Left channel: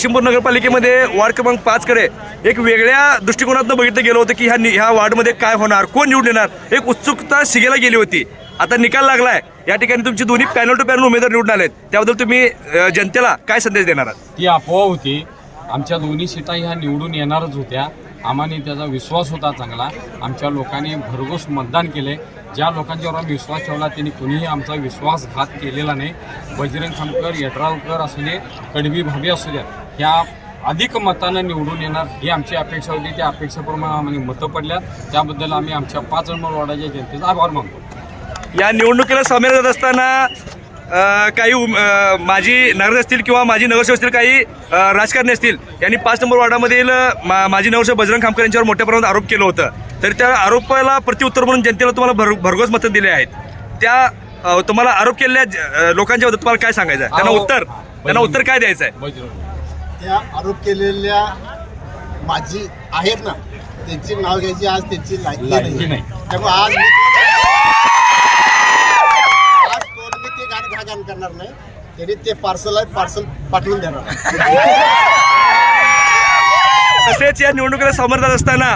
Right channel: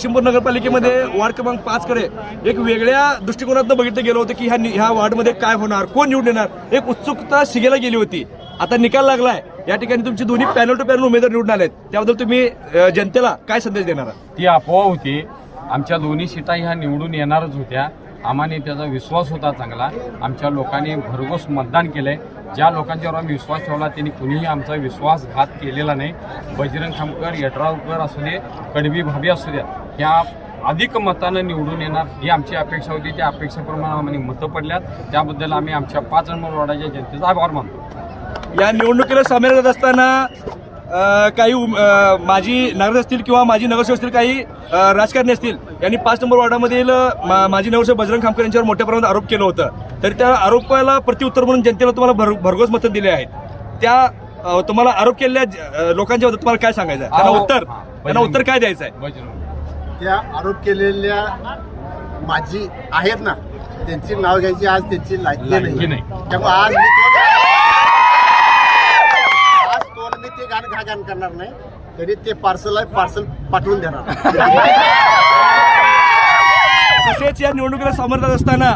शिंपूर नगरपालिकेमध्ये ward क्रमांक पाच कडे एक वेगळ्या दृष्टिकोनातून बघितलं गेलं होतं की ह्या नि- ह्या वार्डमध्ये काय होणार कोण निवडून येणार? एक उत्सुकता शिगेला गेली होती. आता निकाल लागलाय. या ठिकाणी तुमची दोन्ही पॅनल टू पॅनल उमेदवार निवडून आलेत. त्याबद्दल तुम्ही जनतेला काय संदेश देणार आहात? ती अफवा होती. आमच्या दोन्ही सीटा ह्या निवडून येणारच होत्या. आम्हाने त्याचा विश्वास होता चांगला. आमच्या लोकांनी भरघोस मतदान केलंय. ज्या लोकांच्यावर आम्ही विश्वास ठेवला त्यांनी कुणीही आमचा विश्वासघात केलेला नाही. बजरंग खामकर यड्रावकर असू दे कडवी भाभी असू द्या ह्या अधिक मतानं निवडून येणार ही आमची अपेक्षा होती. त्या अपेक्षेप्रमाणे आम्हाला मतं पडल्यात. त्याबद्दल आम्ही आमच्या पाच नंबर वॉर्डाच्या जनतेचा आभार मानतो. या निवडणुकीला सामील जात असताना काही माजी नगर असतील किंवा माजी नगरसेवक असतील काही राजकारणी असतील यांनी पाच नंबर वार्डामधील मा- माजी नगरसेवक बजरंग खामकर यांच्यावर मोठ्या प्रमाणात आरोप केलं होतं. तर त्या आरोपाला प्रत्युत्तर म्हणून जनतेला तुम्हाला भर भरघोस मतं दिले आहेत. त्या तुम्हाला आरोप केलेल्या लोकांच्या बद्दल तुम्हाला काय सांगायचं आहे? त्यांना उत्तर त्यांना उत्तर काय द्यायचं आहे? त्या आरोप केलेल्या माझी आहेत ना त्यांची नाव घ्यायची आज त्यांची लायकी नाही नाही. त्यामुळे आज मी तो आज तो मी ते गाणं घा गाणं करणार नाही. त्यांनी ते पार्सल आहे पार्सल पाठवून देणार. तसेच या निवडणुकीला सामोरं जात असताना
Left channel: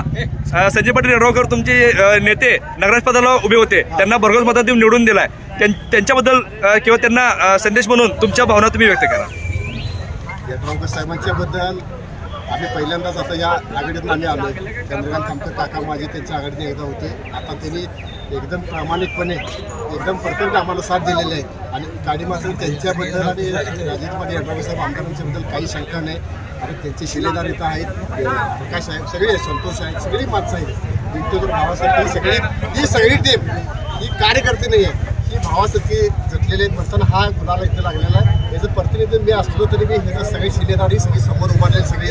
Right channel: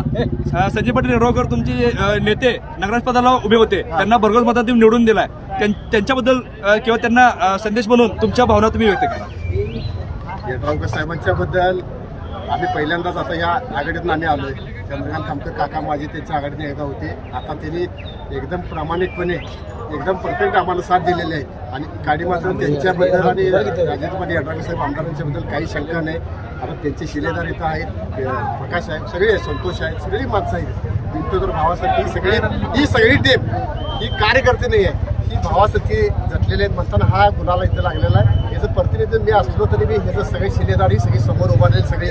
संजय पाटील यड्रावकर तुमचे नेते नगराज पदाला उभे होते. त्यांना भरघोस मतात देऊन निवडून दिलाय. त्यां- त्यांच्याबद्दल किंवा त्यांना संदेश म्हणून तुमच्या भावना तुम्ही व्यक्त करा. यड्रावकर साहेबांच्या बद्दल आम्ही पहिल्यांदाच आता या आघाडीतून आम्ही आहे चंद्रकांत खामकर काका माझे त्यांच्या आघाडीने एकदा होते. आता त्यांनी एकदम प्रामाणिकपणे एकदम परफेक्ट आम्हाला साथ दिलेली आहे. आणि गाडी मात्र त्यांच्याबद्दल आणि राजेंद्र पाटील यड्रावकर साहेब आमदारांच्याबद्दल काही शंका नाही. आता त्यांचे शिलेदार इथं आहेत प्रकाश आहेत सगळे संतोष आहेत सगळी माणसं आहेत. विंटोदर भावासारखी सगळी ही सगळी टीम ही कार्यकर्ते नाही आहे ही भावासारखी जटलेली आहेत म्हणताना हा गुन्हाला इथं लागलेला आहे. याचं प्रतिनिधी मी असलो तरी मी ह्याचं सगळे शिलेदारी सगळी समोर उभारलेली सगळे